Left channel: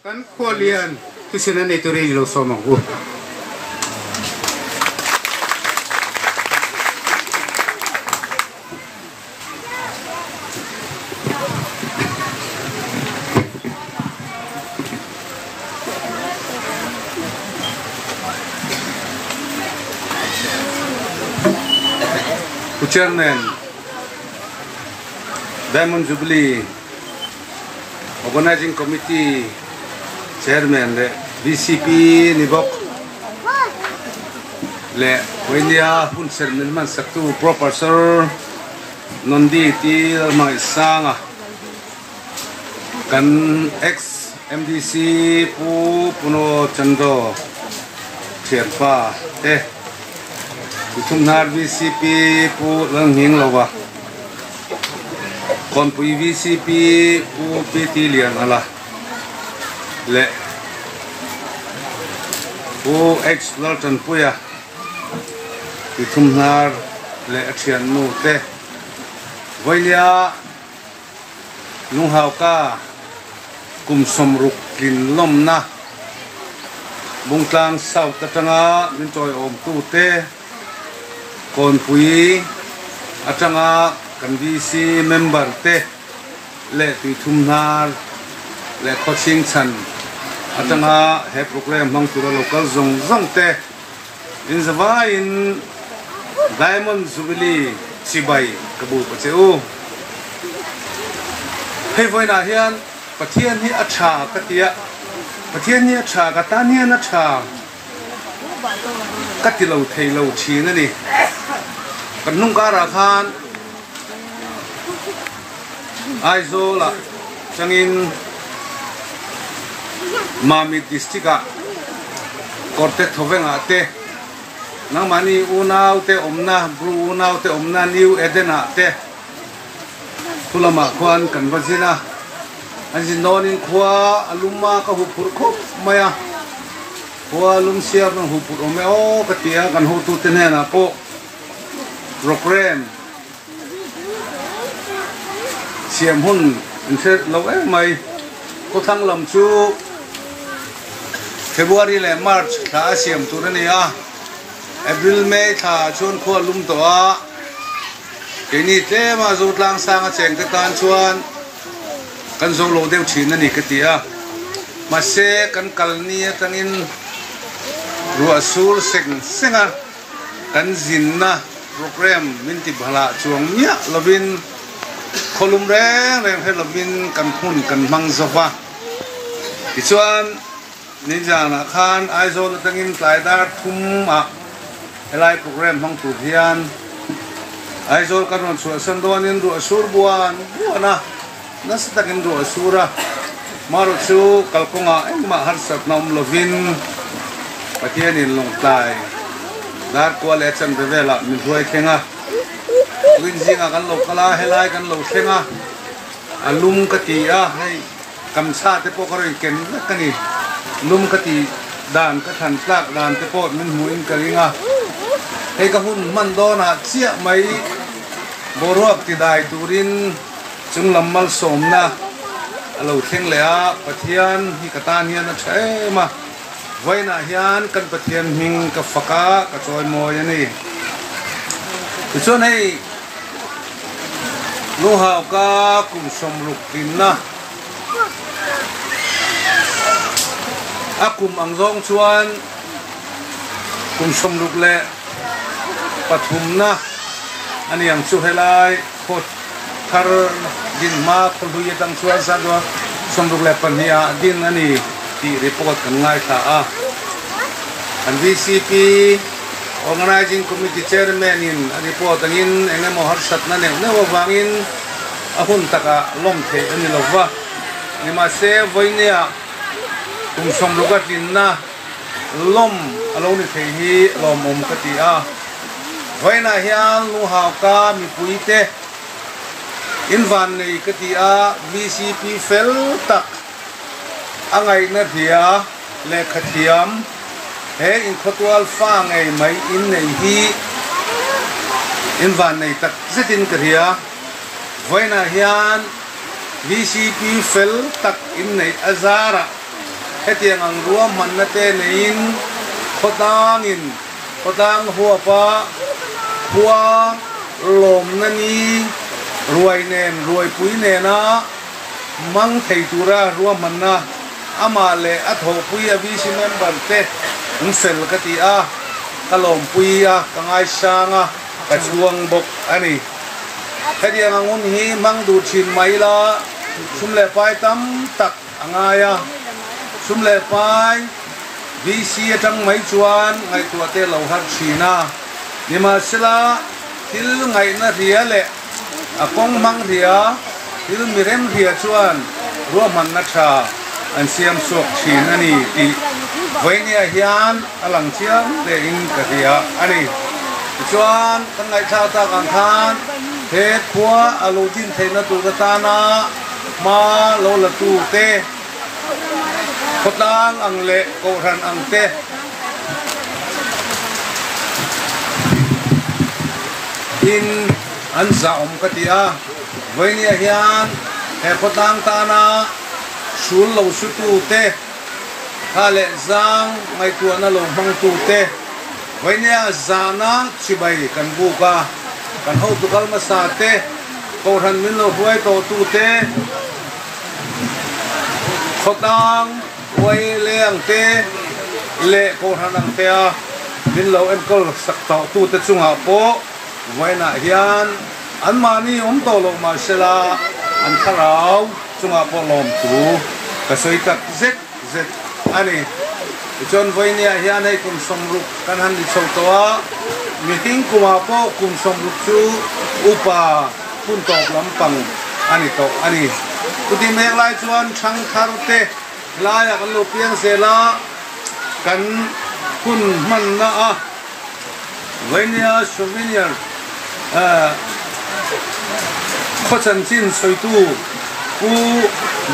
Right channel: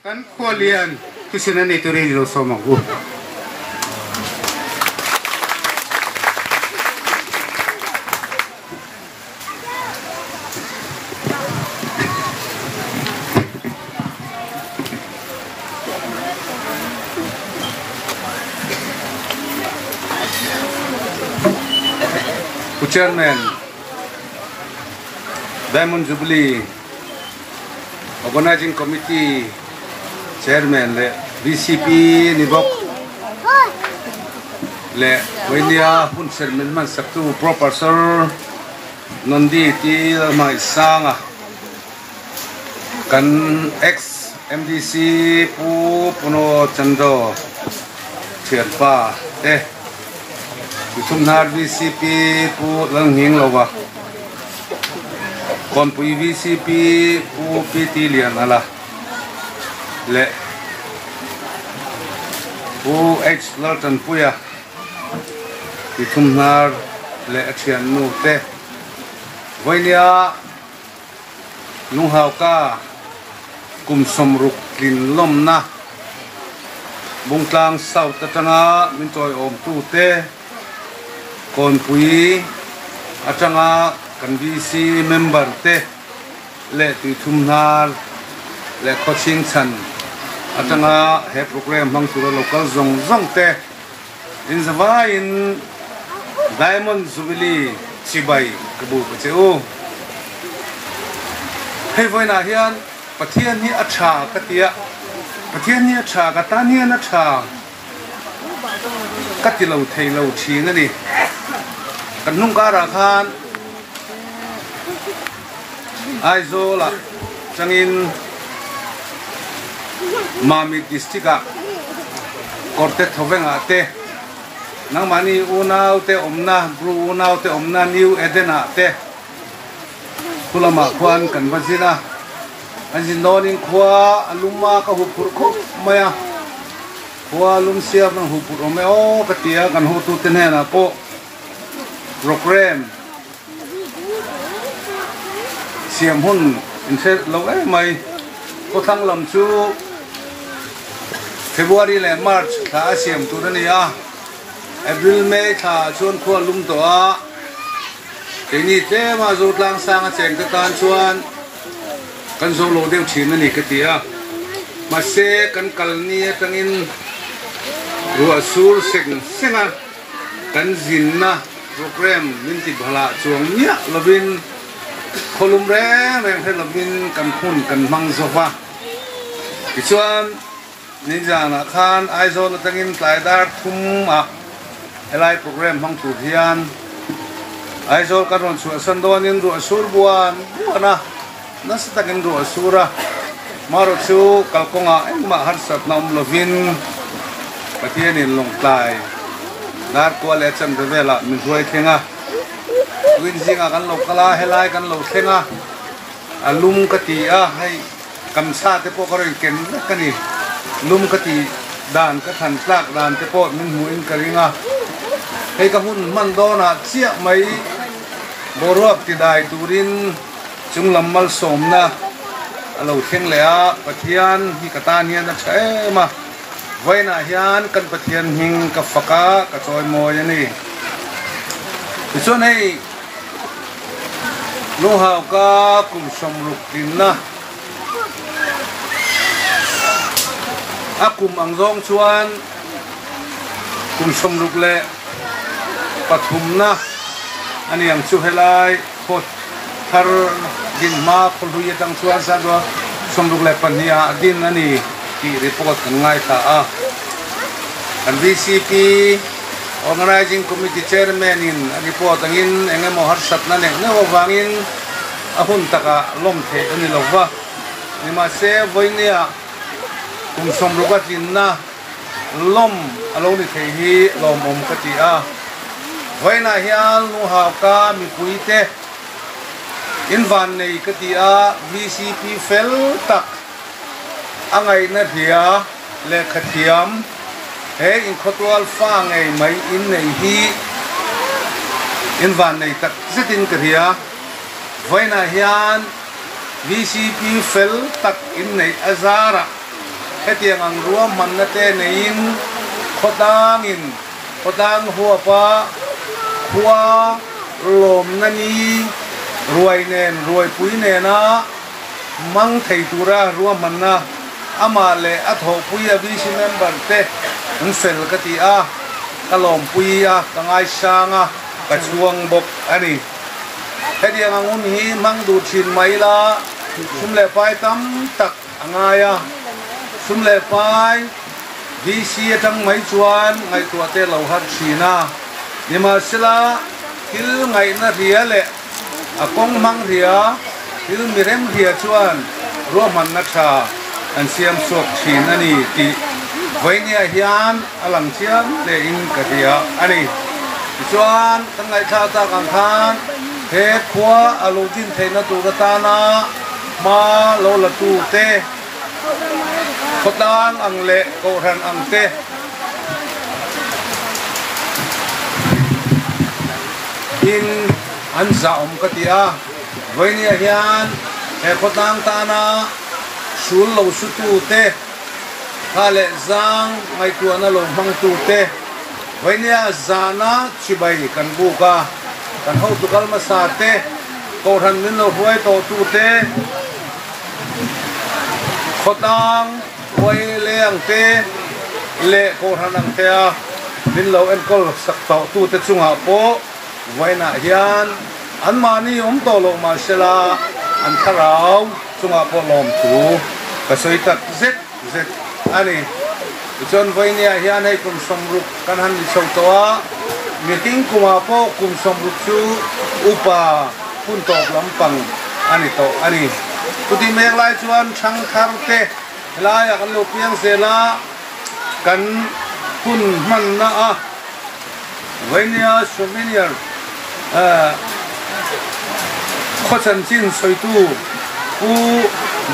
kan kualian tu sini ni tu ni lo sama ku. Chairman Diamond Jubilee Organizing Committee Chairman le DCP Nibok le Wenia Hun Chairman man saktu Professor Nondi ti mai sanga kan ex MDC puno chando Cherpa Tumnar VCP pu lang hing lawa kon pu VCP pu PT lian ala le pu ex Lorton puya tumnar le achian nu te voinia nu hau ka kum somruk lin lom na bungtang sau tatanga min toy om tu te kon pui atanga kan VC member te le tu thumnar le coaching chan atanga he program mang tura local zong te in zawa in Diamond Jubilee chibai kabu pacheu hei voina hian pathian hi acha katia pathian hi acha ka tanian acha katilo theilo chinga ni kan nung kara khan aizola changin mami districta korte thovenga te nang mani unau te omna bru unau te omna new edena te tulama kwan kan vazina anjin nonin khwa aluma ka hupur kho maya khwa lum siap nang hupur ome o katia kan hu tu tenena po program siam hun inse lo mai ko thang lam chu February le March tha siam tu ni a April May tha chuan kho lum to a ini te ma zo tlang sang a cheng te tan chuan kan zo lo deu thin ani ka tia ma se kan kalni tangin ruwa sur senga kan zinna program minti bhala chuang nya lovin kholum reng he lovin kan khun kan mang zowa ti chuan ninja na khan aizon tangin tlaidar thum a helai program mang tu hian aizol kan ron chu sandonin ru asur buana nas takin ru asura maro chu kalkonga engma harsat nam lovin patienin longtai dar ko le chan bevela mi huai thenga win zinga kan lo kala helai kan lo thenga alum katia hai kam sa te po karin ken kani lum kati dan ka than tlak dan te po min huin karinga hei ka hun man do na chia mai boruap ti dai turin chung lammal somna alo theng le a pathian hi katan hian a thema voina hian kan pathian hing ka faka ka choi moi ani ichon hei lo ha ka kum somruk kinna akum angjong chuan kum somruk le pathumna ani ang chu helai khot thar din ma kholu yetang chuan sa do somruk le pania din ani ki report kan ngai tha a an VCP Organizing Committee Chairman in report angin engamo harsat na ne wangin ahun taka lom the ani lova ni ma se voinia kum somrukat inna lom alo ni the hi lom om kati a voina hian nu ha ka mi puite in van nei kati a VCP fel tak angai na dia le khathiam he in khotwal fa ngai mai in nei hi in van nei tak zitin karia voina hian VCP fel tak in nei azara he tiang ang ruam man na te nein khotang huwa pa khua lom na ni ruai nen ruai pui ne na mang thei tura ruam man na ama le a tho pui a bi si member te ung sel ka ti a kalom pui a kangai sanga ka chuang bok ani he tiang ang hi mang du chin mai la sum le pai tam tak angaya sum le pai VC atang mai chuan ngai tua te lo har china nima sila til ngai na ria le akong mang ria til mirem ria chuan ro man na tha an siam sok chin ani ti voinia hian alang chiam le in ka ria ani chuan kan ngai tha ta kan than he khua alodin theina tu ka ta na ma lo la tu te khotang ang le ko ran ang te in an zaom katia voinia hian he khotang ta na sul lo su tu te khale zang ngai tu na lo mang tu te voinia zana chibai kan bu ka kan ho tu kal ma sa te ko ran min lo huai to tu te khotang quay leng te le ko hanang te a min lo em kol sak to tu te chunga po waina hian an mani to lo ma sela an tharau chunga po lom tu ka soi tak zet ani chon voinia hian hei kum somruk kan han ni chho to a meeting kuma po kum somruk chu upa pun tok lampang ani to ani kuti mek lai chuan thang thar te la ya kan lo piang zela kan hun man na a voinia souvenir khochan chin soi tu u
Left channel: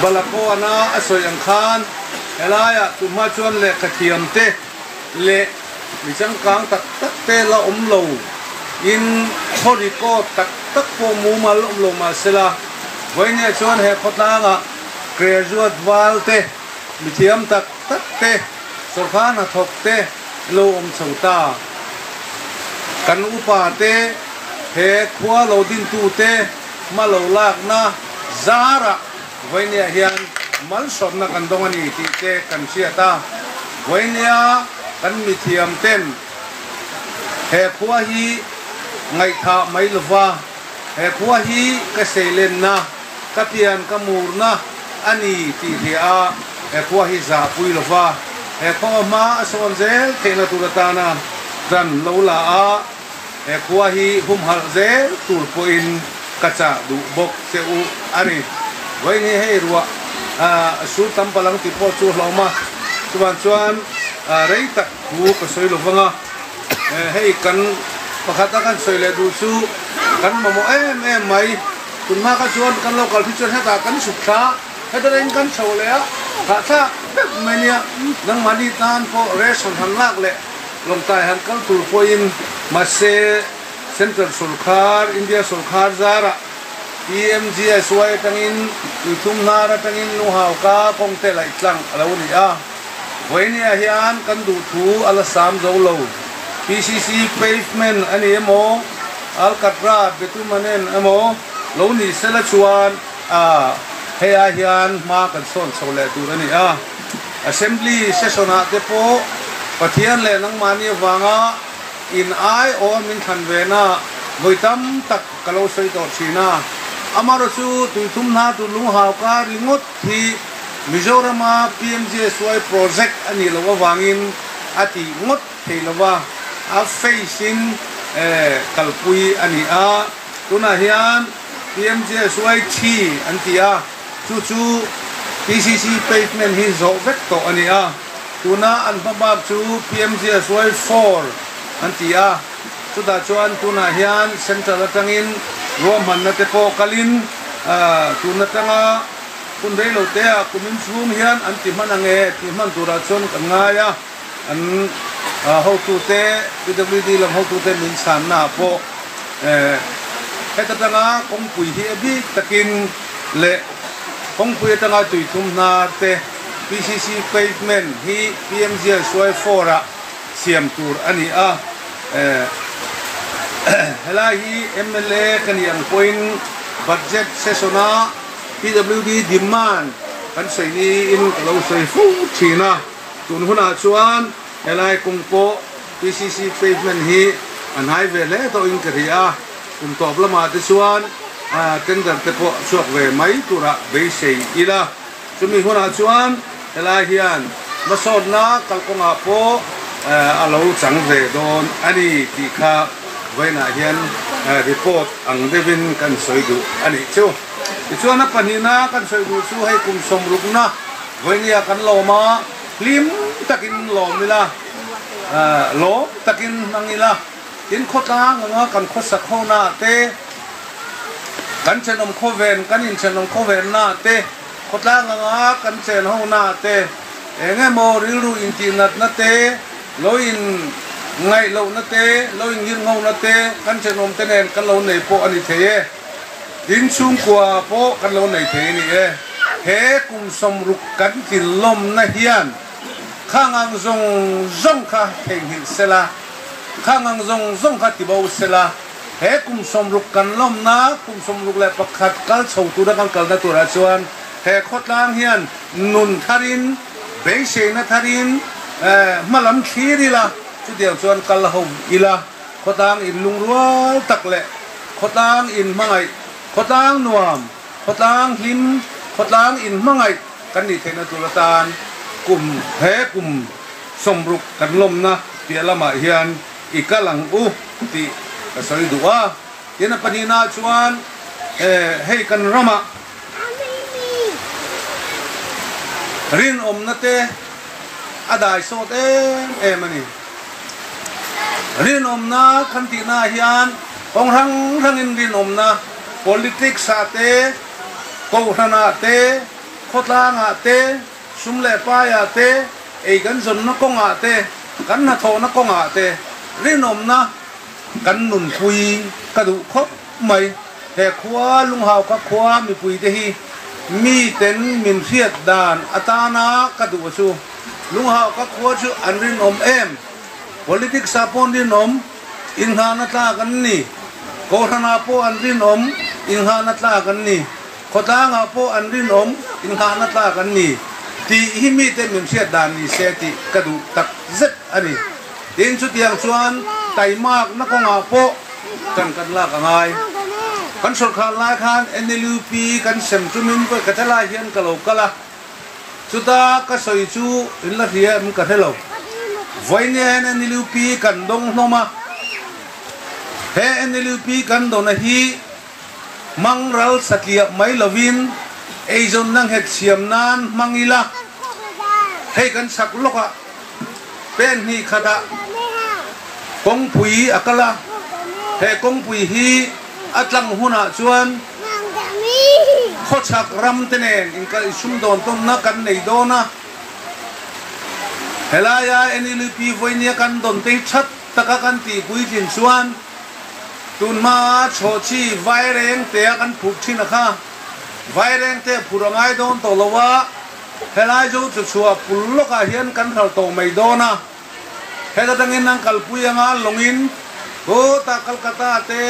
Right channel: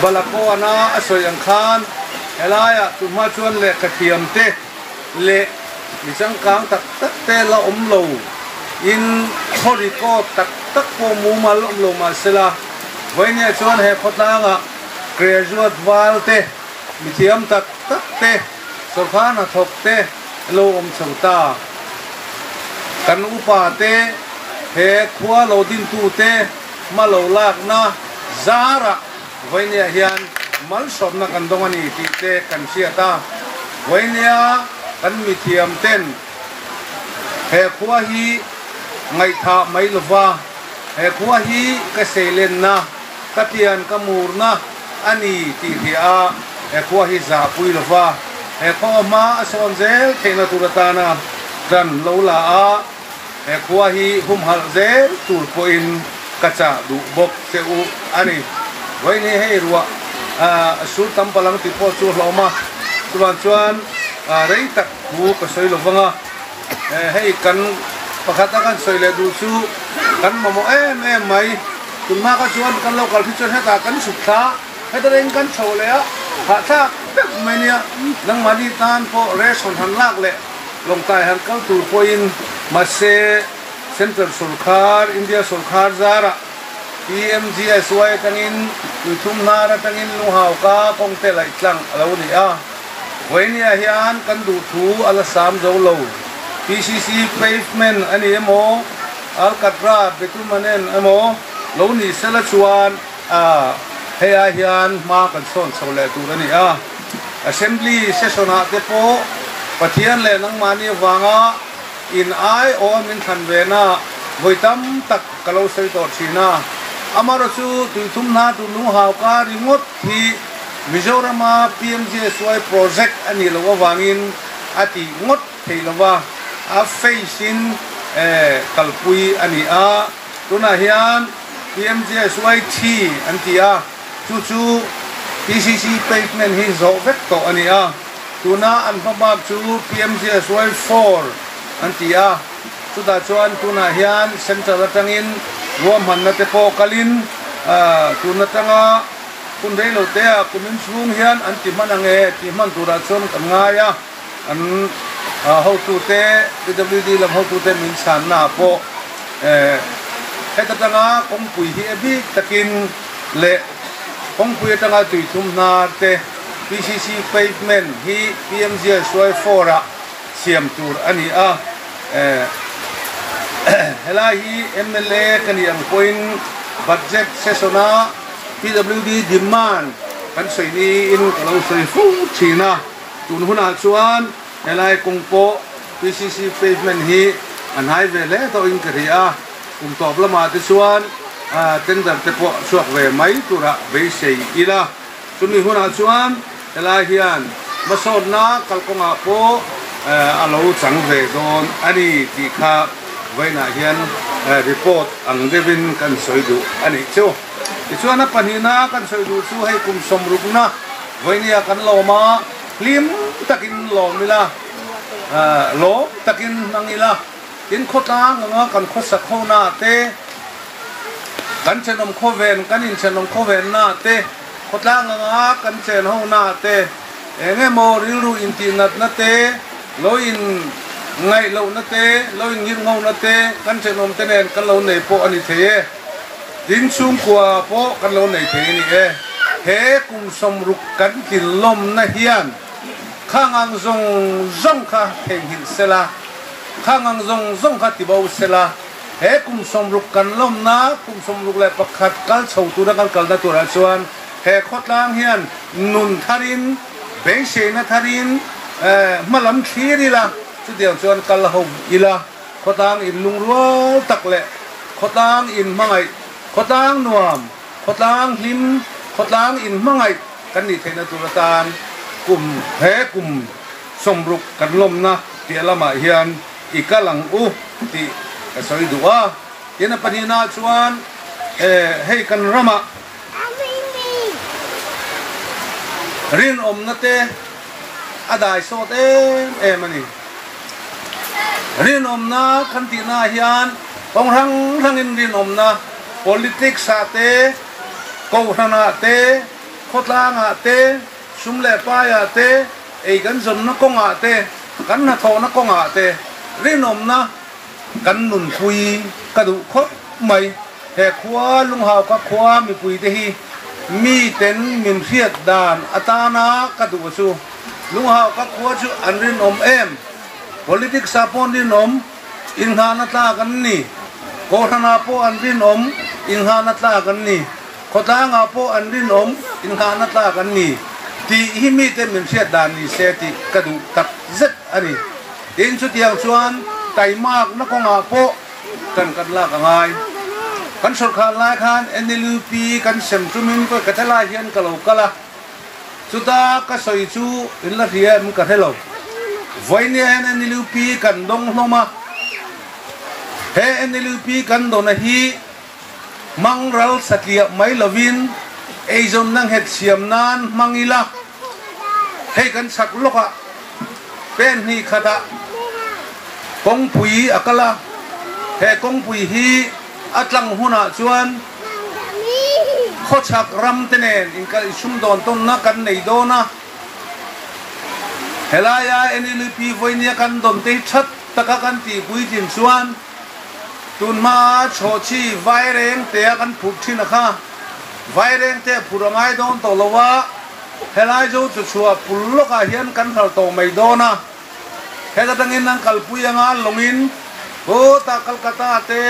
balapo ana asoi ang khan ela ya tu ma chuan le kathiam te le mi chang kang tak te la lo in khori ko tak po mu mal lo ma sela voinia chuan he khotanga graduate wal te mi thiam tak te sorkhana thok te lo chauta kan upa te he khua lo din tu te ma lo lak na zara voinia hian man sot na kan dong ani ti te kan siata voinia kan mi thiam ten he khua hi ngai tha mai lova he khua hi ka selen na ka tian ka mur na ani ti hia he khua hi za pui lova he kho ma son zel thena turatana dan lo la a he khua hi hum hal zel tur po in kacha du bok se u ani voi ni hei ruwa su tam palang ti po chu hloma chuan rei tak hu ka soi lovanga hei kan pakhata kan soi le du su kan mamo mai tun ma ka chuan kan local teacher heta kan sukha heta reng kan chole a ha cha mania nang mali tan po reson han lak le long tai han kal tur po in mase center sulkhar india sulkhar zara PMGSY tangin itum nara tangin nuhaw ka kongte lai tlang alaw ni a voinia hian kan du thu ala sam zo lo PCC pavement ani emo alcatra betumanen emo lo ni sela chuan heya hian ma kan son chole tu ani a assembly session a te po pathian le nang mani wanga in ai o min than ve na voitam tak kalo sei to china amaro chu tuitum na tu lu haw ka ringot thi Mizorama PMGSY project ani lo wangin ati ngot theilawa a facing kalpui ani a tuna hian PMGSY thi antia chu PCC pavement hi zo vek to ani a tuna an babab chu PMGSY 4 antia tuda chuan tuna hian central atangin ruam han na te po kalin tuna tanga kun dei lo te a kumin chung hian an ti manange ti man tura chon kan ngaya an ho tu te PWD lam ho tu te min san na po heta tanga kong pui hi bi takin le kong pui tanga tui thum na te PCC pavement hi PMG soi fora siam tur ani a hela hi MLA kan yang point budget sesona PWD demand kan soi ni inu kalau sei fu china tun huna chuan hela kung po PCC pavement hi an hai ve le to in karia kum top lama ti chuan tender te po chuak ve mai tura be sei ila chumi huna chuan hela hian masod na kalkonga po alo chang ve don ani ki kha vaina hian report ang devin kan soidu ani chu chuan a panina kan soidu chu hei kum somruk na vainia kan loma lim takin lomila lo takin nangila tin khota nga kan khosa khona te kan chenom khoven kan in chenom khoven na te khota nga kan chen ho na te enge mo rilu intinat na te lo in ngai lo na te lo in ngir ngau na te kan chenom tenen kan lo nei po ani the din sum kwa po kan lo nei the ni he kum som ruk kan kin lom na hian khangang zong kha theng hin sela khangang zong kha tibau sela he kum som ruk kan lom na kum som ruk le pakhat kal chho tu da kan kal da tu ra chuan he khotlang hian nun tharin be se na tharin malam khiri la chu diam chuan kal hom ila khotang in lung rual tak le khotang in mangai khotang nuam khotang him khotang in mangai kan ni thena tu tan kum he kum somruk kan lom na ti lama hian ikalang u ti soi duwa yena panina chuan hei kan rama rin om na te adai so te mani rin om na kan ti na hian tong rang in rin om na politics sa te ko hana te khotanga te sumle pa ya te ei kan zon na konga te kan na tho na konga te rin om na kan nun pui ka du khop mai he khwa lung hau ka khwa mi pui te hi mi ten min hiat dan atana ka du chu lung hau ka khwa chu an rin om em politics sapon rin om in ha na ta kan ni ko hana po an rin om in ha na ta kan ni khota nga po an rin om in ha na ta kan ni ti hi mi ten min hiat dan ni se ti ka du tak zet ani tin chu tiang chuan tai mak na ko nga po tan kan la ka ngai kan sol khan lai khan NLUP kan sem tumin ko kathala hian kalo kala chuta ka soi chu in la hian ka thelo voine NLUP kan dong hloma he NLUP kan dona hi mangral satlia mai lovin eizon nang het siam nan mangila he kan sak loka pen hi khata kong pui akala he kong pui hi atlang huna chuan khochak ram tenen in ka sum don ton na kan nei dona helaya NLP voinia kan don te chat taka kan ti pui jin chuan tun ma chochi vai reng te kan phut thin kha vai reng te purangai don to lowa helai zo chu chua pullo ka hian kan hal to mai dona hega dangin nang kalpuyanga longin o ta Kolkata te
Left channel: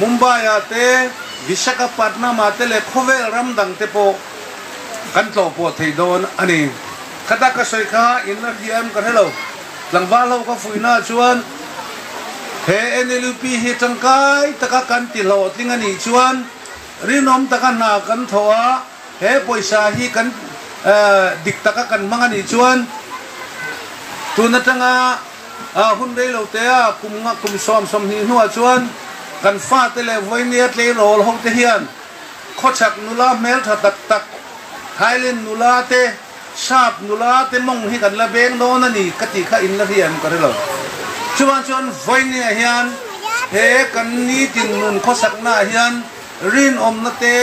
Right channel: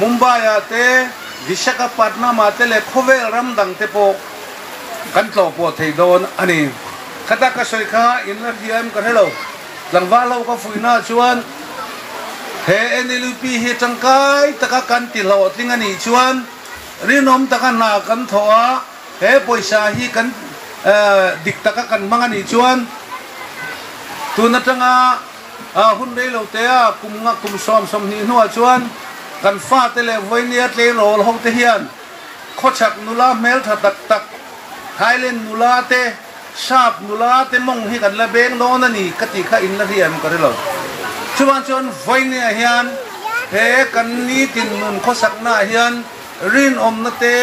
Mumbai te Visakhapatnam te le khove ram dang te po kan tlo po thei don ani khata ka soi kha in la hiam ka hello langwa lo ka fuina chuan he NLP he tangkai taka kan ti lo tling ani chuan rinom taka na kan thoa he poisa hi kan dik taka kan mangani chuan tuna tanga hun dei lo te a kum som hi nuwa chuan kan fa te le voinia tle rol hong te hian khochak nula mel tha tak tak Thailand nula te sap nula te mong hi kan la beng no na ni kati kha in la riam ka relo chuan voinia hian he kan ni tin nun khosak na hian rin om na te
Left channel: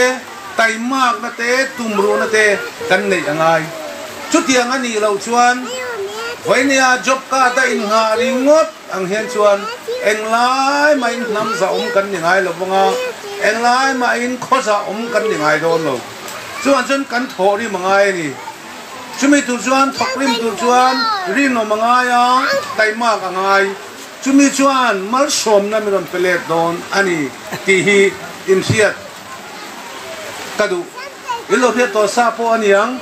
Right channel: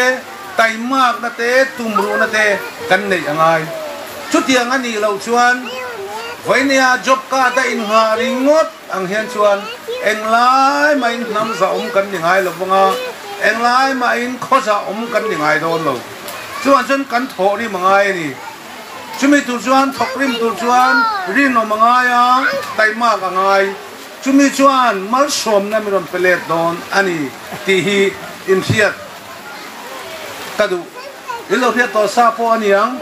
tai mak na te tumru na te kan nei angai chu tiang ani lo chuan voinia job ka da in nga ringot ang hian chuan eng lai ma in nam za kan ni ngai lo bonga eng lai ma in kho za kan ni ngai don lo chuan kan tho ri mangai ni chumi tu chuan thokrim tu chuan rino mangaya taima ka ngai chumi chuan mal som na miron pelet don ani ti hi in hiat tadu ilo hiat to sa po aniang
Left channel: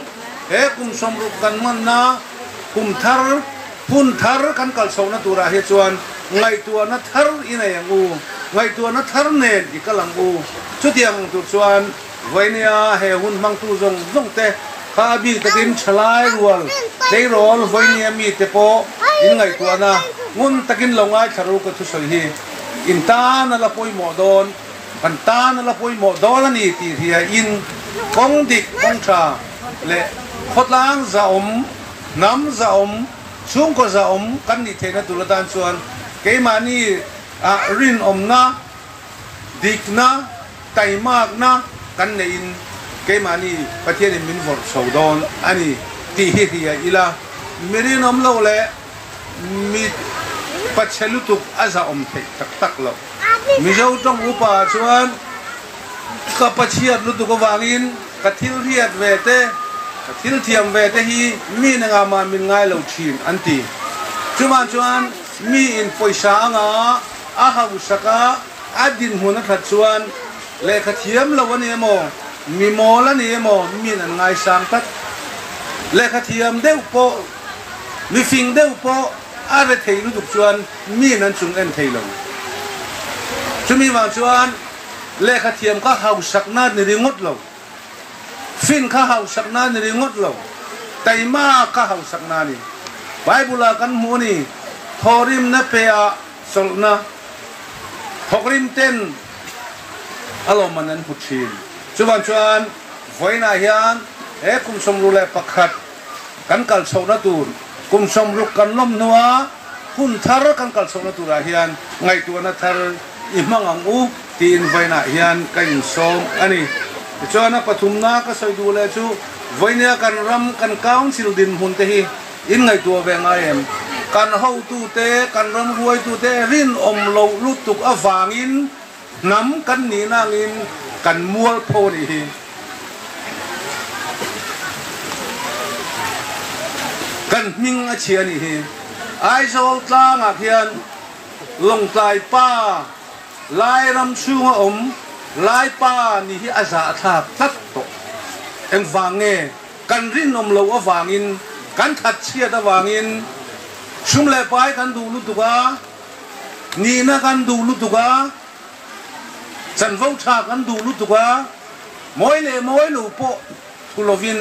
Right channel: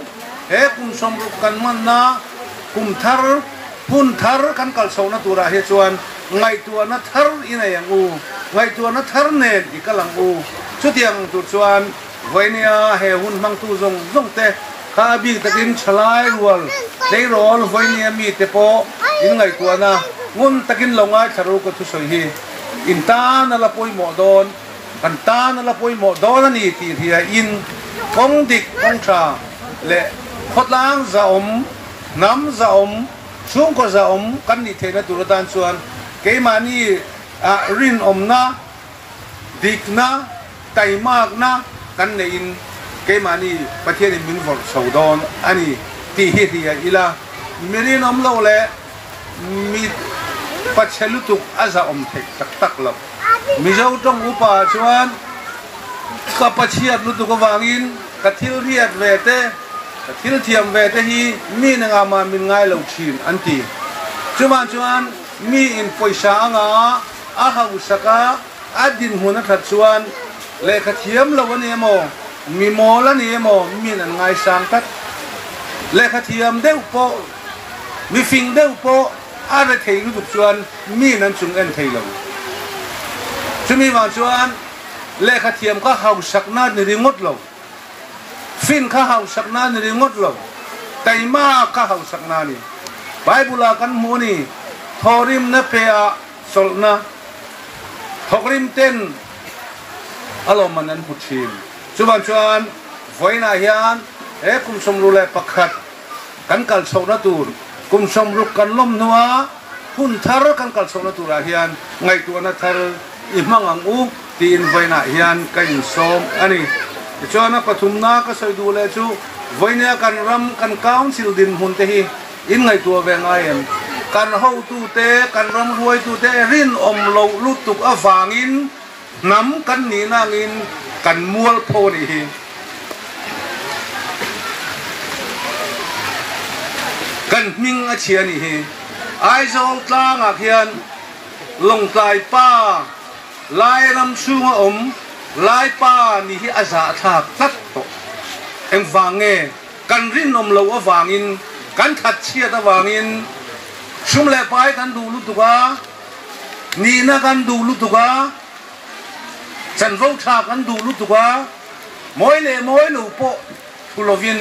he kum som ru kan man na kum thar pun thar kan kal so na tura he chuan ngai tu na thar ina yang u ngai tu na thar nen ikalang u chutiang tu chuan voinia he hun mang tu zong zong te kha bi takin chalai rual dei rol voinia mi te po in ngai tu na ngun takin longa charu ko thu soi hi in ta na la poi mo don kan ta na la poi mo don ani ti hia in kong dik kong cha le khotlang za nam za chung ko za kan ni the na tu dan chuan ke mani a rin na dik na tai mak na kan ne in ke mani pathian in min vor so don ani ti hi hia ila mirin lo le mi pachalutuk aza thek tak tak lo mi zo tong upa chuan ka pachiat lutuk awangin ka thil riat ve te ka thil thiam ve te hi mi na nga ma min ngai lo thin anti chuan mi in poisa anga a ha usaka adin huna that chuan le ka thiam lo ani mo mi mo la ni mo mi na ngai sang tak le ka thiam deu po mi fing deu po a ve thei lu tuk chuan mi nan chung en thei lo chumi wa chuan le kha thiam ka hau sakna ni ringot lo fin kha hau sakna ni ringot lo taima ka hau sakna ni bible kan mu ni thorim na pe a solna thokrim ten alomanan puthin chuan voina hian e kum som ru le pakhat kan kal sona tur kum som ruk kan lom nuwa hun thar kan kal sona tura hian ngai tu na thar i mangang u tin voina hian kan som ani chona pathumna ka soi du le chu voina kan ram kan council din hun te hi in ngai tu ve ngai em kan ho tu te kan ram ruai tu te rin lo lutuk awangin nam kan ni nangin kan mual pho ni hi kan ning a chia ni hi ai zo tlang a khian long tai pa lai ram chunga lai pa ni hi aza thak tat to em wange kan rin lo awangin kan that chia ta wangin sum le pai kan du lu tuka ni na kan du lu tuka chan vo tha kan du lu tuka moi lu po kulovin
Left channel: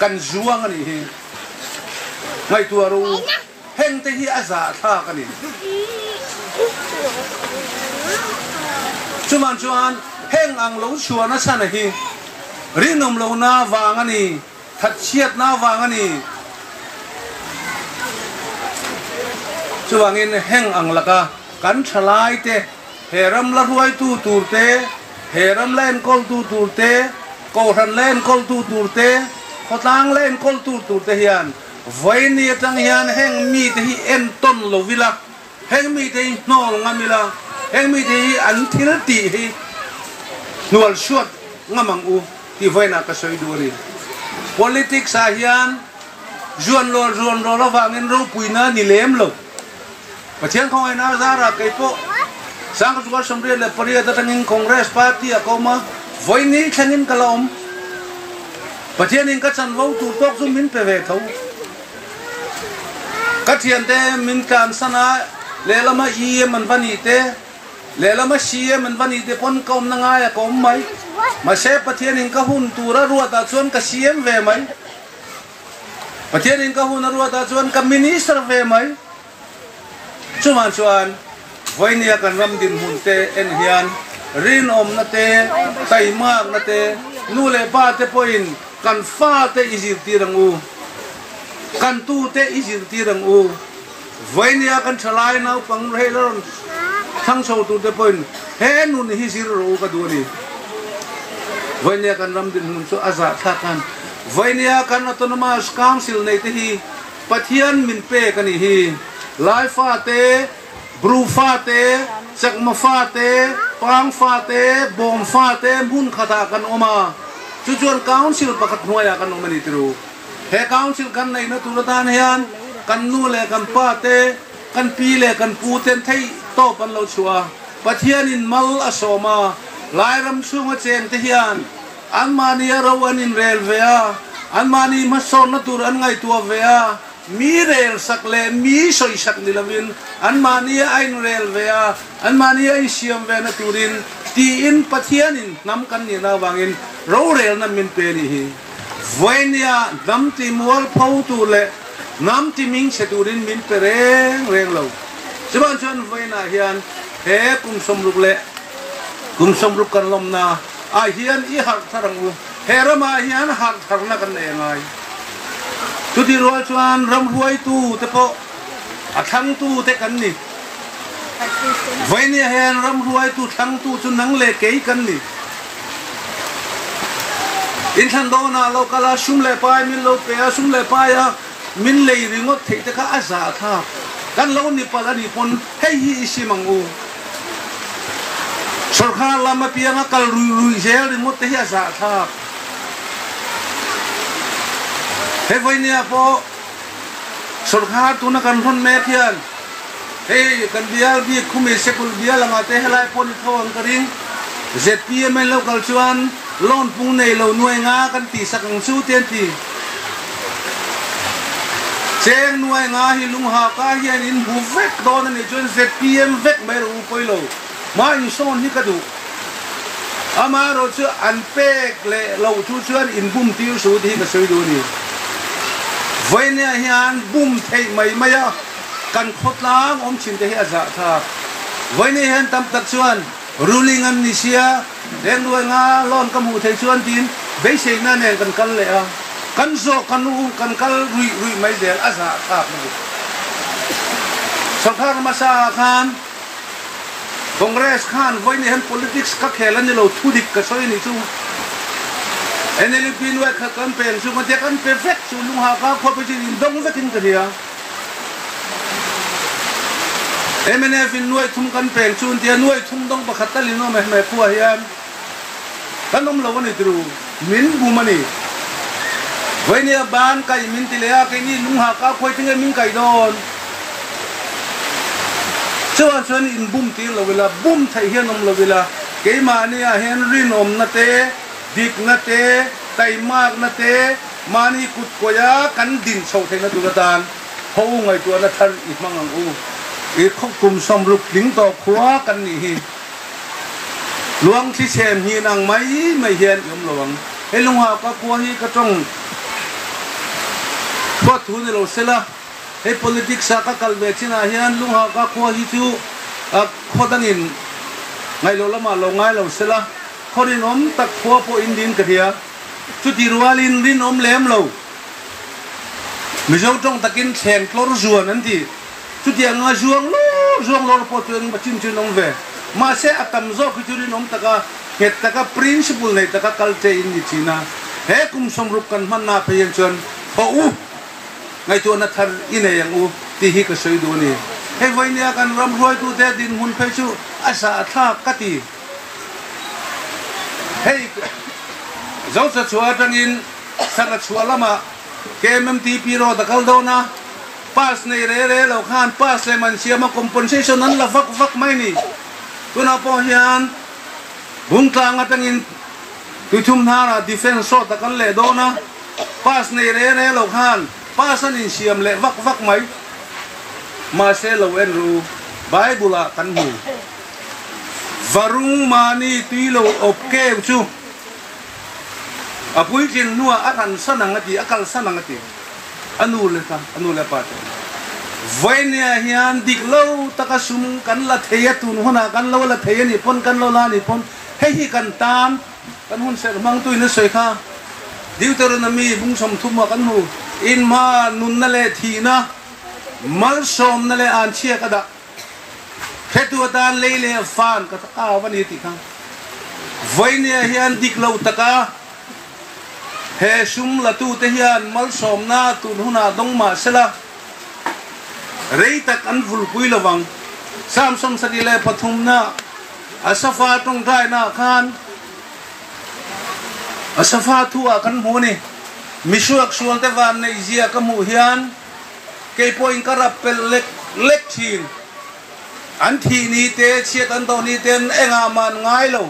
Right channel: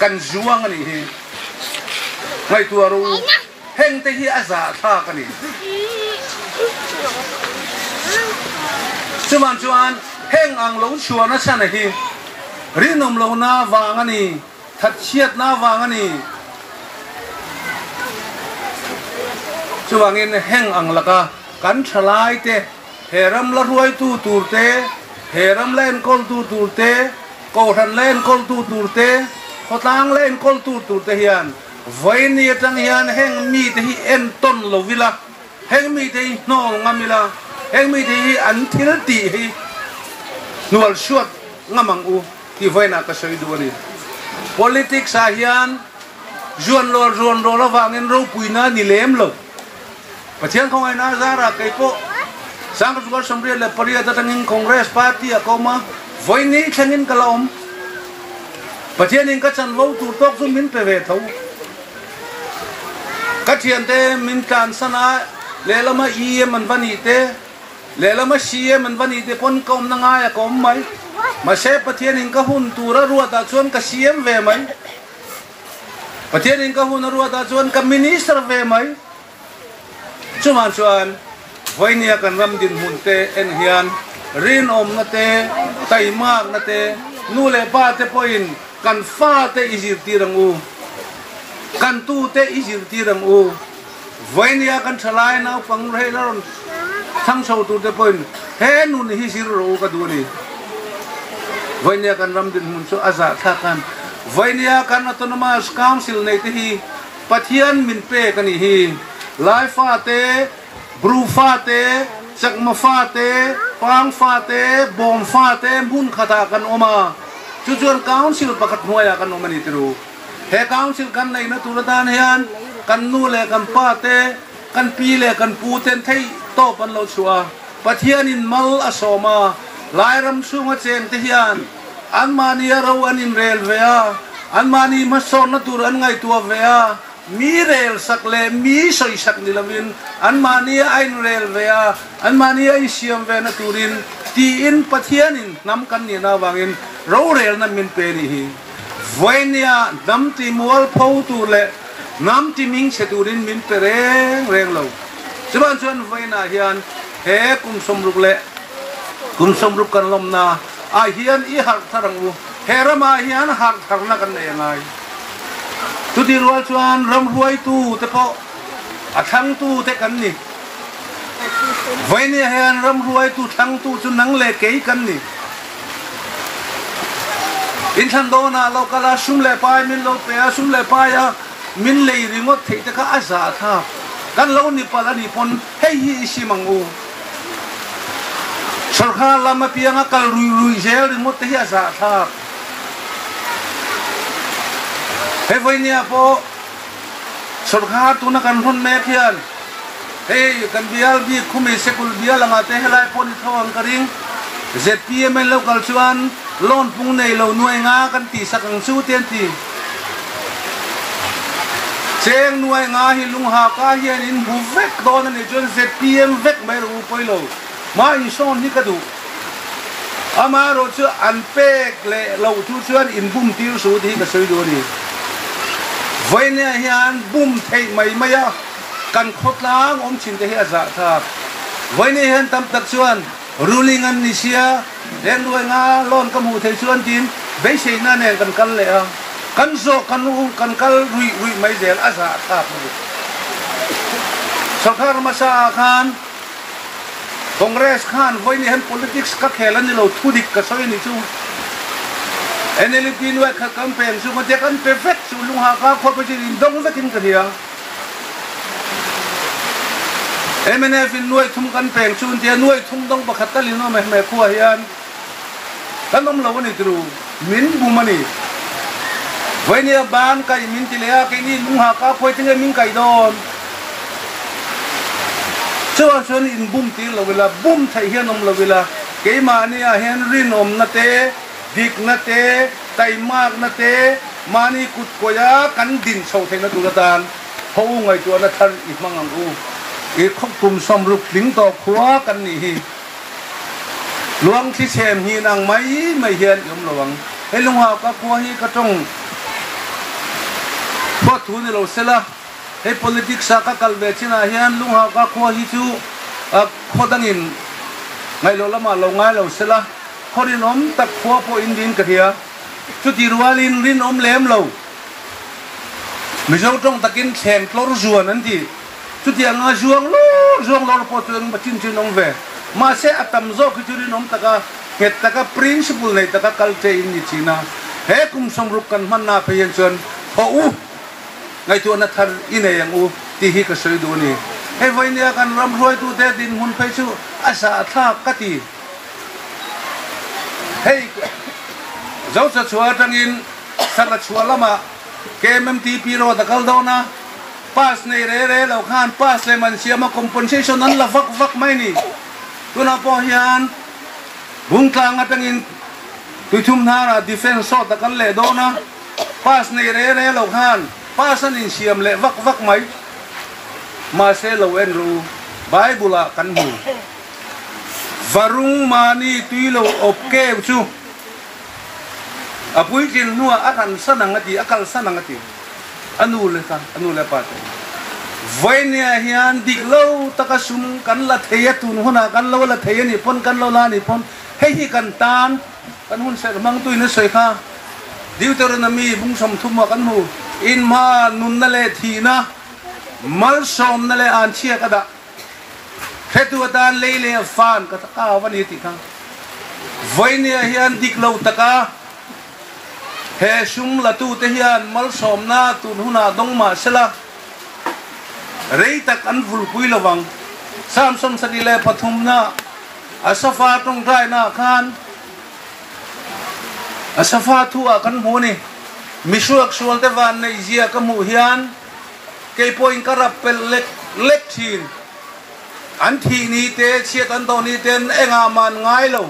kan zuang ani hi ngai tu ru heng te hi aza tha kan ni chuan heng ang lo chuan na chan hi rinom lo na wang ani that chiat na wang ani chuangin heng ang laka kan thalai te heram la ruai tu tur te heram len kol tu tur te ko han len kol tu tur te khotang len kol tu tur te hian voini tang hian heng mi te hi en ton lo vila heng mi te hi no ngamila heng mi te hi an thil ti hi nual suat ngamang u ti voina ka soi du ni politics a hian juan lo la wangin ro puina ni lem lo pathian khong ai na zara kai po sang ka tukar somre le paria ta tangin congress party a koma voini thanin kalom pathian in ka chan vo tu tok zum min pe ve thau ka thian te min tan sana le lama i man bani te le lama si man bani te pon kom na nga ya kom mai ma se pathian in ka hun tura ruwa ta chuan ka cm ve mai pathian in ka hun ruwa ta chuan ka minister ve mai chuan voinia kan ram din hun te en hian rin na te tai mak na te nu le pa te poin kan fa te izir tirang u kan tu te izir tirang u voinia kan thalai nau pang reiron thang so tu te poin he nun hi sir ro ka du ni voinia kan ram din hun chu aza tha kan voinia kan autonomous council nei te hi pathian min pe kan hi lai fa te bru fa te chakma fa te pang fa te bom fa te mun khata kan oma chuan council pakhat noya kan omani tru he council kan nei na tu ta hian kan nu le kan pa te kan pi le kan pu ten thei to pan lo chua pathian in mal asoma lai ram sunga cheng te hian an mani ro an in rel vea an mani ma son na tur an ngai tua vea mi rel sak le mi soi sak ni lavin an mani ain rel vea an mani ai siam ve na turin ti in pathian in nam kan ni na wangin ro rel na min pe ni hi voinia dam ti mol phau tu le nam ti ming se turin min pe reng lo chuan chuan voina hian he kum som ruk kan lom na a hian I hak tharang u he rama hian hak thar na kan nei ngai tu ti rual chuan ram ruai tu te po a thang tu te kan ni voinia hian ram ruai tu thang tu chu nang le ke kan ni in than do na lo kala sum le pai min lo pe sum le pai a min le ringot thei te kha a za tha kan lo ni pala ni pon hei hi simang u sarkar lama pianga kal rui zel ringot te hi a za tha he voinia po sarkar tu na kan hon me khian hey kan bial bi khumi sekul bial anga te helai pon thawang karing ZPM local chuan lon pung nei lo nuai nga kan ti sakang su ten ti cheng nuai nga hi lung ha ka hian in bu vek don ani chuan ZPM vek mai ru poilo ma in son ni ka du ama ro chu an pek le lo chu chuan in bum tir su thi ka soi do ni voinia hian bum thei mai maya kan khotlang om chin te hi za tha voinia hian tam tak chuan ruling an ni sia den nuai nga lon ka mu thei chuan tin be sei na ne kan kal le a kan zo kan u kan kal rui mai zel a za tha ni sarkar masa khan congress khan voinia hian politics ka khelan ni lo thudik ka soi ni chu NLP nuai kha campaign chu ma te kan perfect chu lung ha ka khot pa chi dong vekin ka dia MNF in nuai thum kan peng chun tia nuai thum dong pakhat ka lino me khuwa hian kanom lo ni tru min bumani voinia ban kai min tilea ke ni lung ha ka khoi tinge min kai don chuan in bum ti lo wela bum thai hian om lo wela ke ma ni a hian rin om na te dik na te kai mak na te mani kut koya kan din chho thai na tu tan ho ngai tu na than I mangang u I khok kum som ruk ding to khwa kan ni hi luang thi sem hi nang mai hian yom lawang he lung ha ka khwa hi ka tong ba thu ni lo sela he politics sa ka kalbe china hian lung ha ka khwa hi chu a khodangin ngai lo lama lo ngai lo sela khorin om tak khwa po in din ka thia chu ti rualin rin om lem lo mi zo tong takin theng tlor zuan an ti chu ti anga zuang lo po tung bachin chin ong ve ma se atam zo ki chu rin om taka het taka principle nei taka kalte in ni china he kum som rup kan man na pe yen chon ho u ngai tu na thar ine yang u ti hi ka soi du ni he voinia kan ram roi tu te din hun pe chu asa tha ka ti hey zo sa chua tangin sara chua lama KMTP ro da kal do na pas nei re lo khan pas le man siama compensation an la vak mai ni tu na po hian bung tlang atangin tu thum na defense so da kal le do na pas nei re lo khan pas an in siam le vak mai ma se lo en ru bible kan hu varung mani tuilo opke chu apui jin nuwa akan sanangati akal sanangati anu le pat voinia hian diklo takasum kan la theya tun hona kan lo la theya ni pon kan lo la ni pon hei hi kan tan kan hun ser mang tu ni soi kha Deuteronomy bung som thuma kan hu in ma nun na le thi na mal som na le an chia ka da hetu dan le le fan ka ta wani ti kha voinia hian diklo taka he sum la tu te hian mal som na tu huna dong ma sela rei tak an vul pui lawang sam som sadile pathum na asafa tong dai na khan asafa thu a kan mu ni misuak sual te van nei zia kamu hian ke point karap pel lek thin an thi ni te chiat an to ni ten enga man ngai lo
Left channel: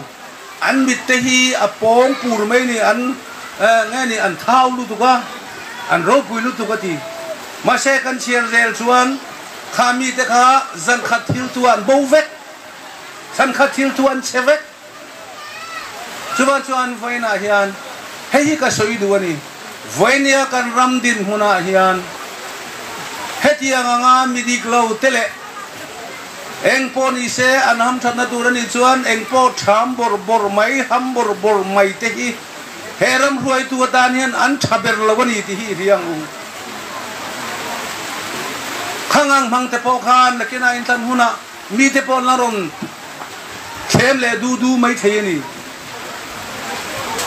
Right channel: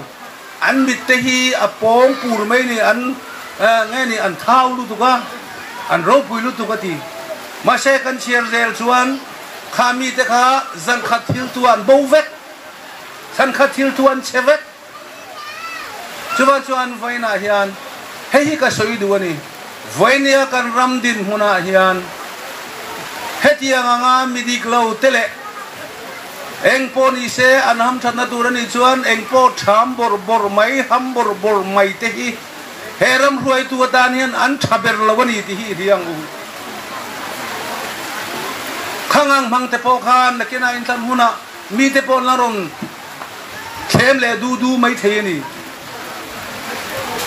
an mit te hi apong pur mai ni an nge ni an thau lu tu ka an ro pui lu tu ka ti ma se kan chiar zel chuan khami te kha zan khat thil tuan bo vek san khat thil tuan chevek chuan vaina hian hei ka soi du ani vainia kan ram din huna hian hetia nga midik lo tele eng poni se anham thana turani chuan eng po tham bor mai ham bor mai te hi heram ruai tu dan hian an thaber lawani ti hi riang u khangang mang te po khan nakina in tan huna mi te po na ron them le du mai thei ni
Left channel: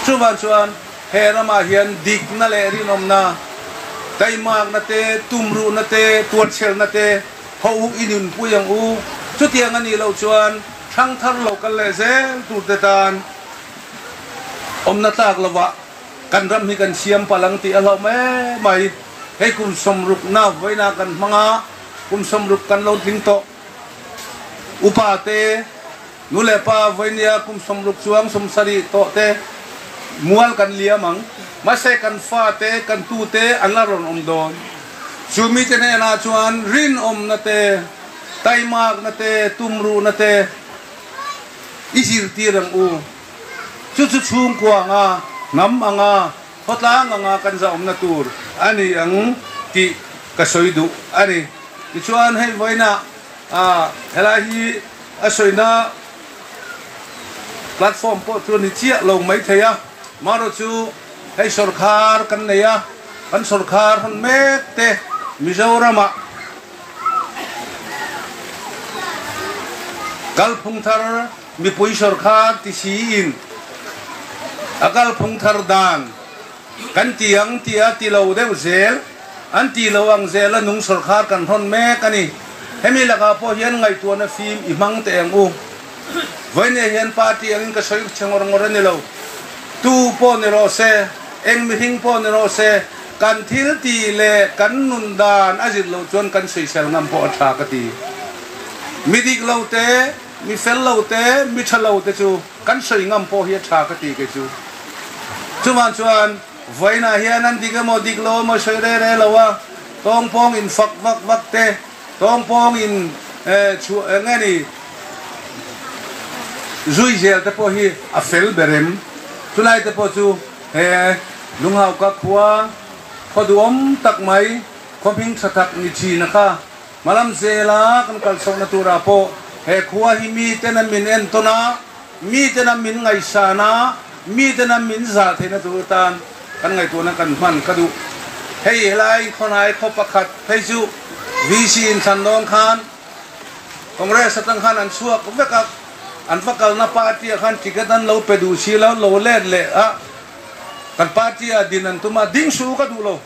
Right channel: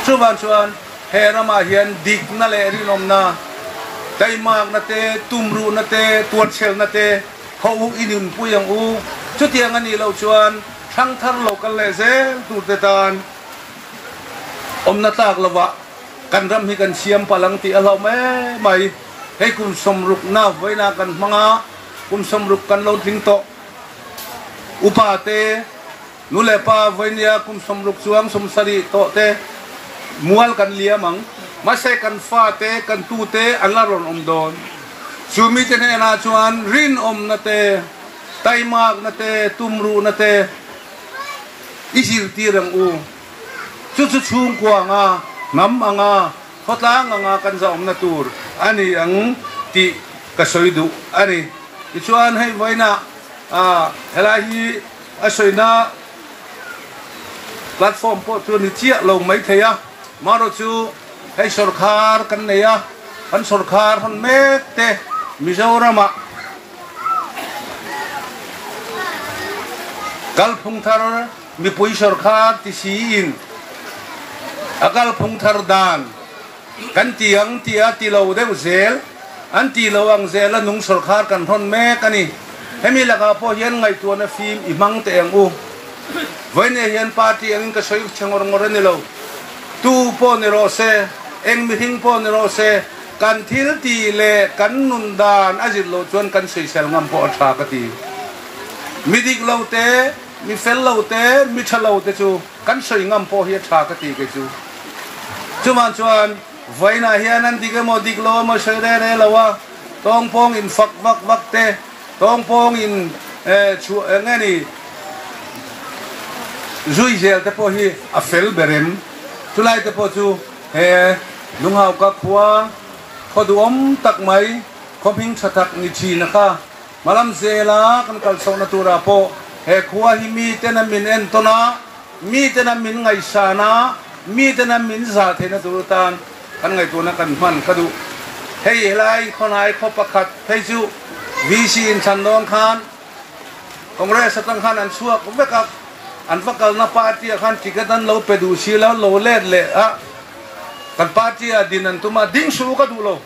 chuan herama hian dik na le ri nom na taimak na te tumru na te tuat sel na te ho inin puyang u chutiang ani lo chuan thang thar lo kan le zel tu te tan omna tak lawa kan ram hi kan siam palang ti alo me mai hei kun somruk na voina kan manga kun somruk kan lo ting to upa te nule pa voinia kun somruk chuang somsari to te mual kan liamang mase kan fa te kan tu te alaron omdon sumi te na chuan rin om na te taimak na te tumru na te isir tirang u chu chung kwa nga nam anga khotlang anga kan za om na tur ani ang ti kasoidu ani chuan hei voina helahi asoina platform po tu ni chia lo mai thaya maro chu hei sarkar kan neya kan sarkar hon mek te Mizorama kalphung thar mi pui sarkar ti si in akal phung thar dan kan tiang tia ti lo de zel an ti lo ang zel nung sarkar kan hon mek ani hemi laga po hian ngai tu na film imang te ang u voine hian party ang ka soi changor ngor ni lo tu po ni ro se eng mi hing po ni ro se kan thil ti le kan nun dan azil lo chuan kan soi sel ngam po tha ka ti midik lo te mi fel lo te mi thalo te chu kan soi ngam po hi tha ka ti ke chu chuan voina hian an dige mo dik lo mo soi re lawa tong pong in fak vak te tong pong in chu ngani zui zel te po hi a fel berem tulai te po chu lung hau ka khua khoduom tak mai khoping satak ni chi na kha malam zela kan kal so na tura po khua hi mi te na min en tona mi te na min ngai sana mi te na min za the na tur tan kan ngai tu na kan man ka du hei helai khonai khopakhat hei chu vc in san don khan congress atang khan an suak vekak an fakal na party khan tikatan lo pedu sila lo le a kan party a dinan tuma ding su ka du lo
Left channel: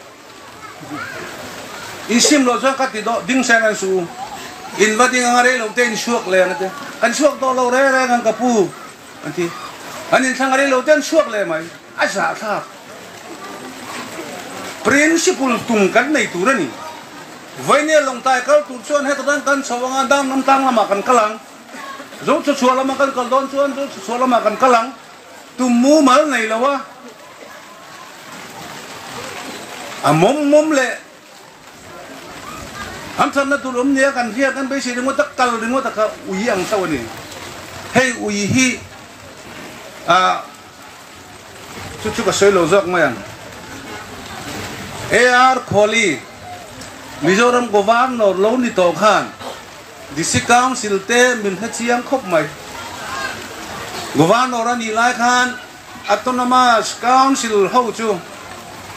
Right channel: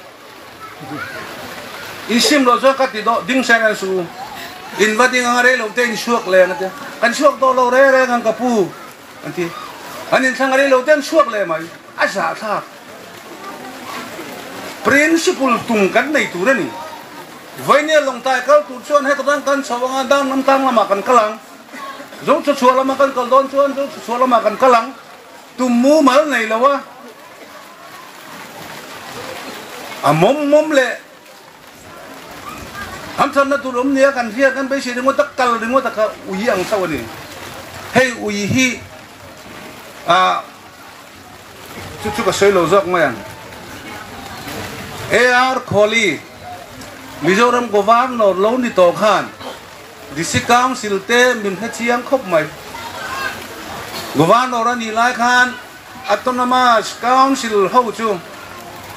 isim lo zo ka ti do ding san su in vading ngare lo ten suak le na te kan suak do lo re ngang ka pu anti anin sangare lo ten suak le mai asa sa principle tung kan nei tu rani voine long tai kal tu chuan he kan sawanga dam nam tang lama kan kalang zong chu chua lama kan kal don chuan chu chua lama kan kalang tu mu mal nei lawa a mom le am than na tu lom nia kan hia kan be si ringo tak kal ringo tak ui ang sawani hei ui hi chu ka soi lo zok mayan AR Kholi Mizoram Governor lo ni to khan District Council te min ha chiang khop mai Governor ani lai khan Autonomous Council ho chu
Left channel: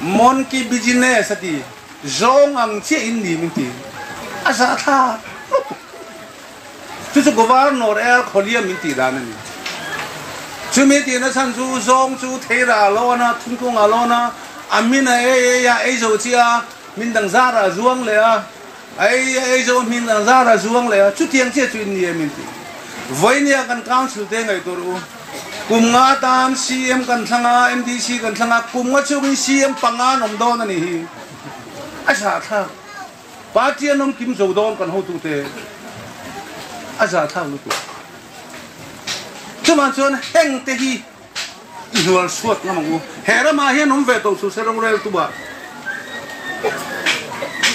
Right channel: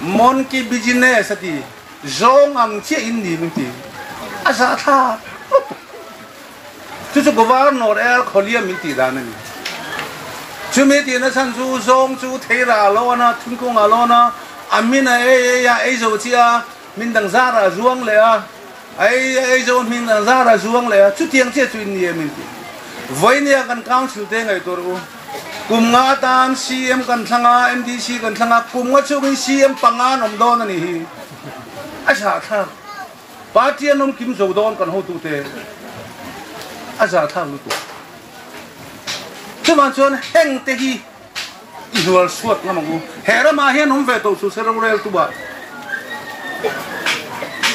mon ki business ati zong ang che in ni min ti asa tha chu Governor AR Kholi min ti dan ni chu me ti na san chu zong chu theira lo na thun ko nga lo na amina ya zo chia min dang zara zuang le a ai zo min dang zara zuang le a chu tiang che chu ni min ti voinia kan council te ngai to ru kum nga tan CM kan thanga MDC kan thanga kum nga chung CM pangan om don ani hi asa tha party anom kim zo don kan ho tu te asa tha lu tu chuman chon heng te hi ihual suat ngamagu hera ma hian om ve to su serong rel tu ba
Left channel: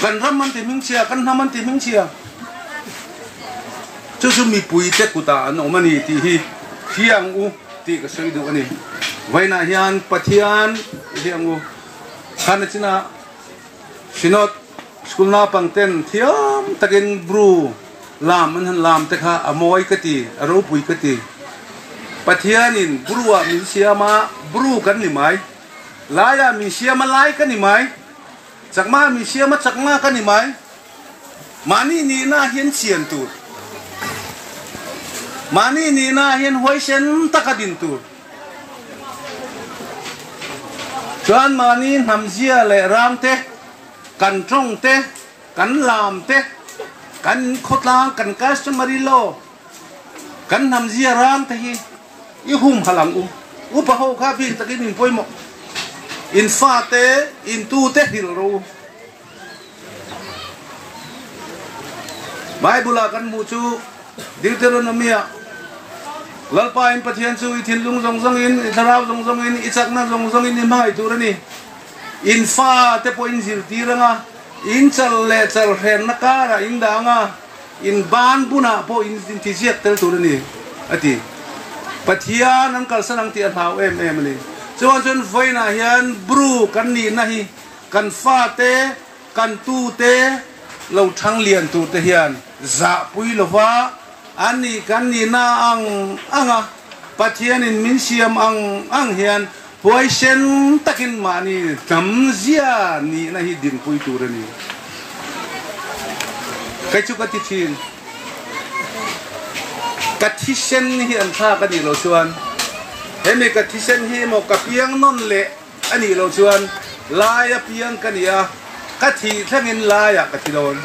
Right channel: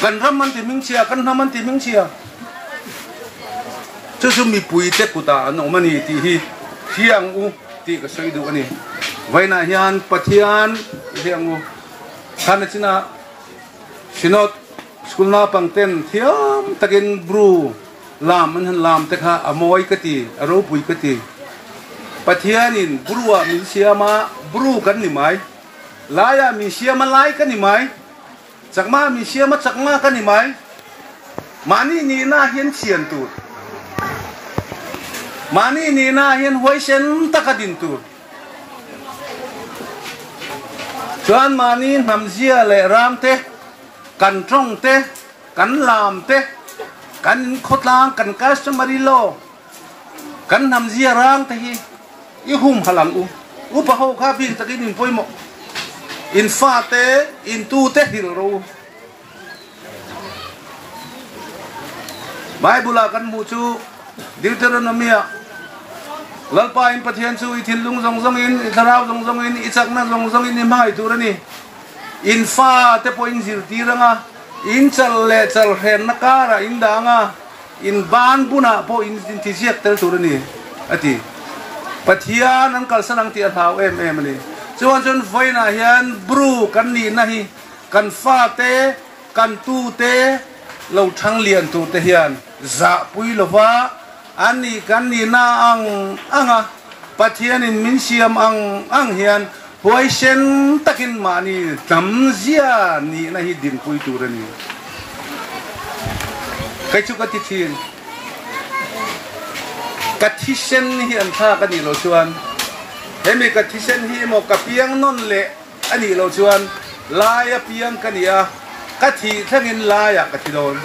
kan raman ti ming chia kan naman ti ming chia chu su mi pui te ku ta an omani ti hi hiang u ti ka sei du ani vaina hian pathian hiang u khan china sinot school na pangten thiam takin bru lam an lam te kha amoi ka ti aro pui ka ti pathian in bruwa mi siama bru kan ni mai laya mi siama lai kan ni mai chakma mi siama chakma kan ni mai mani ni na hian sian tu mani ni na hian hoi sen takadin tu chuan mani namzia le ram te kan trong te kan lam te kan khotlang kan customary law kan namzia rang te hi i hum halang u pa ho kha bin takin min poimo in fa te in tu te hil ro Bible kan mu chu Deuteronomy lalpa in pathian chu i thil lung zong zong in tharau zong zong in i chakna zong zong in mai tu rani in fa te po in zil ti ranga in chal le chal hen na ka ra in danga in ban buna po in ti siak tel tu rani ati pathian an kal sanang ti thau em ni chuan chun voina hian bru kan ni na hi kan fa te kan tu te lo thang lian tu te hian za pui lova ani kan ni na anga pathian in min siam ang hian poi sen takin mani tamzia ni na hi din pui tu rani kai chu ka ti thin katisen hi an tha ka ni lo chuan hemi katisen hi mo ka piang non le ani lo chuan laya piang ka nia ka thi thangin laya ka thi don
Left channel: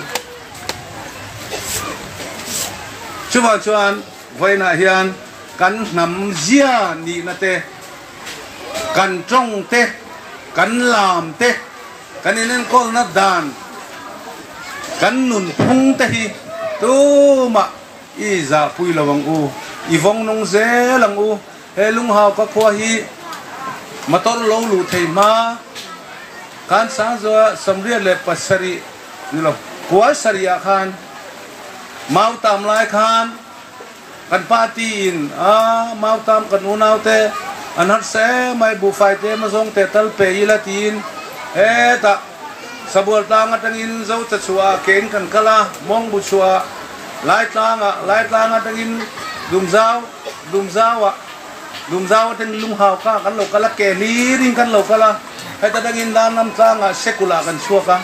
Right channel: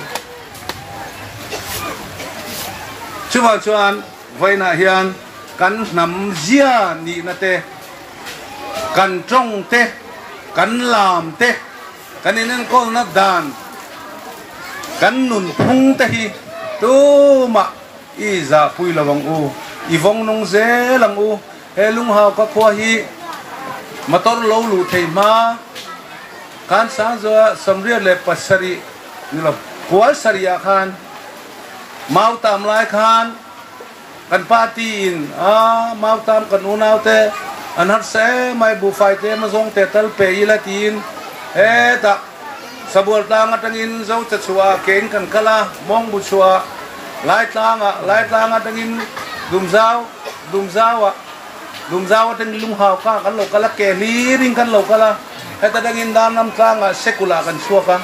chuan voina hian kan nam zia ni na te kan trong te kan lam te kan inen kol na dan kan nun phung te hi tu ma i za pui lawang u i vong nong ze lang u he lung hao ka khwa hi motor lo lu thei ma kan sa zo samria le pasari ni lo kwa saria khan mau tam lai khan kan party in mau tam kan unaw te anhat se mai bu fai te ma zong te tal pe ila tin he ta sabul tang atangin zo cha chua ken kan kala mong bu chua lai tang atangin dum zau atang lung hau ka kan lo kala ke li ring kan lo kala he ta dangin dam nam tanga sekula kan chua ka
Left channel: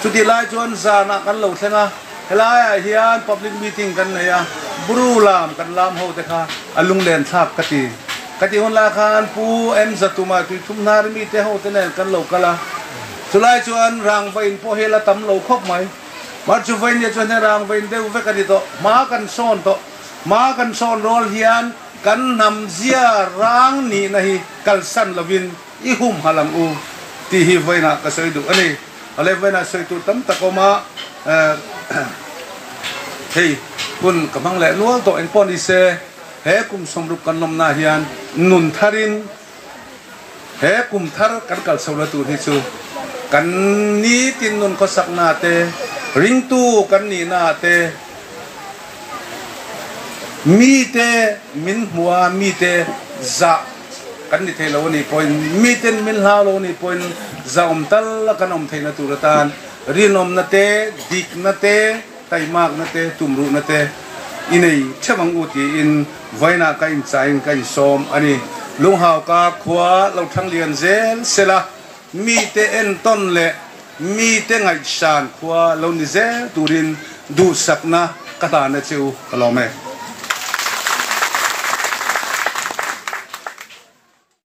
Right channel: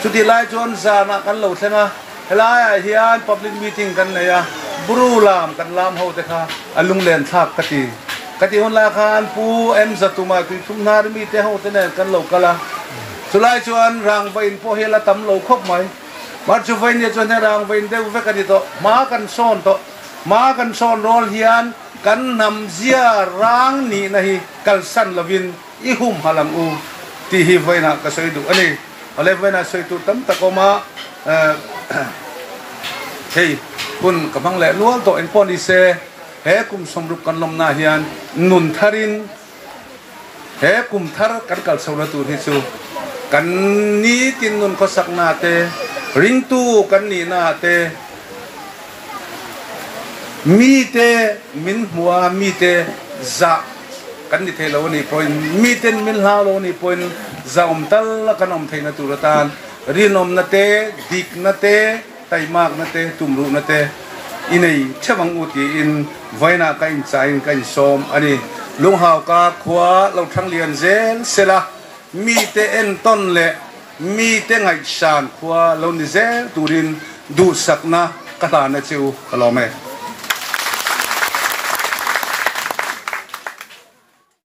chuti lai chuan za na kan lo thenga helai hian public meeting kan ne ya bru lam kan lam ho te kha alung len thak kati hon la khan pu em zatuma tu chumna mi te ho te ne kan lo kala chulai chuan rang vain po hela tam lo khop mai mar chu vain ye chuan rang vain de ve kan to ma kan son rol hian kan nam zia rang ni nahi kal san lovin i hum halam u ti hi vaina ka soi du ani ale vaina soi tu tam takoma hey kun kamang le nual to en pon ise he kum somrup kan lom na hian nun tharin he kum thar kan kal sola tu hi chu kan ni tin nun ko sak na te ring tu kan ni na te mi te min huwa mi te za kan ni thelo ni point mi ten min ha lo ni point za tal kan thei na tu ratan rinom na te dik na te taimak na te tumru na te inei chawang uti in vaina ka in chain ka in som ani lung hau ka khwa lo thang lian zel sela mi te en ton le mi te ngai san khwa lo ni zel turin du sakna kata na chu kalome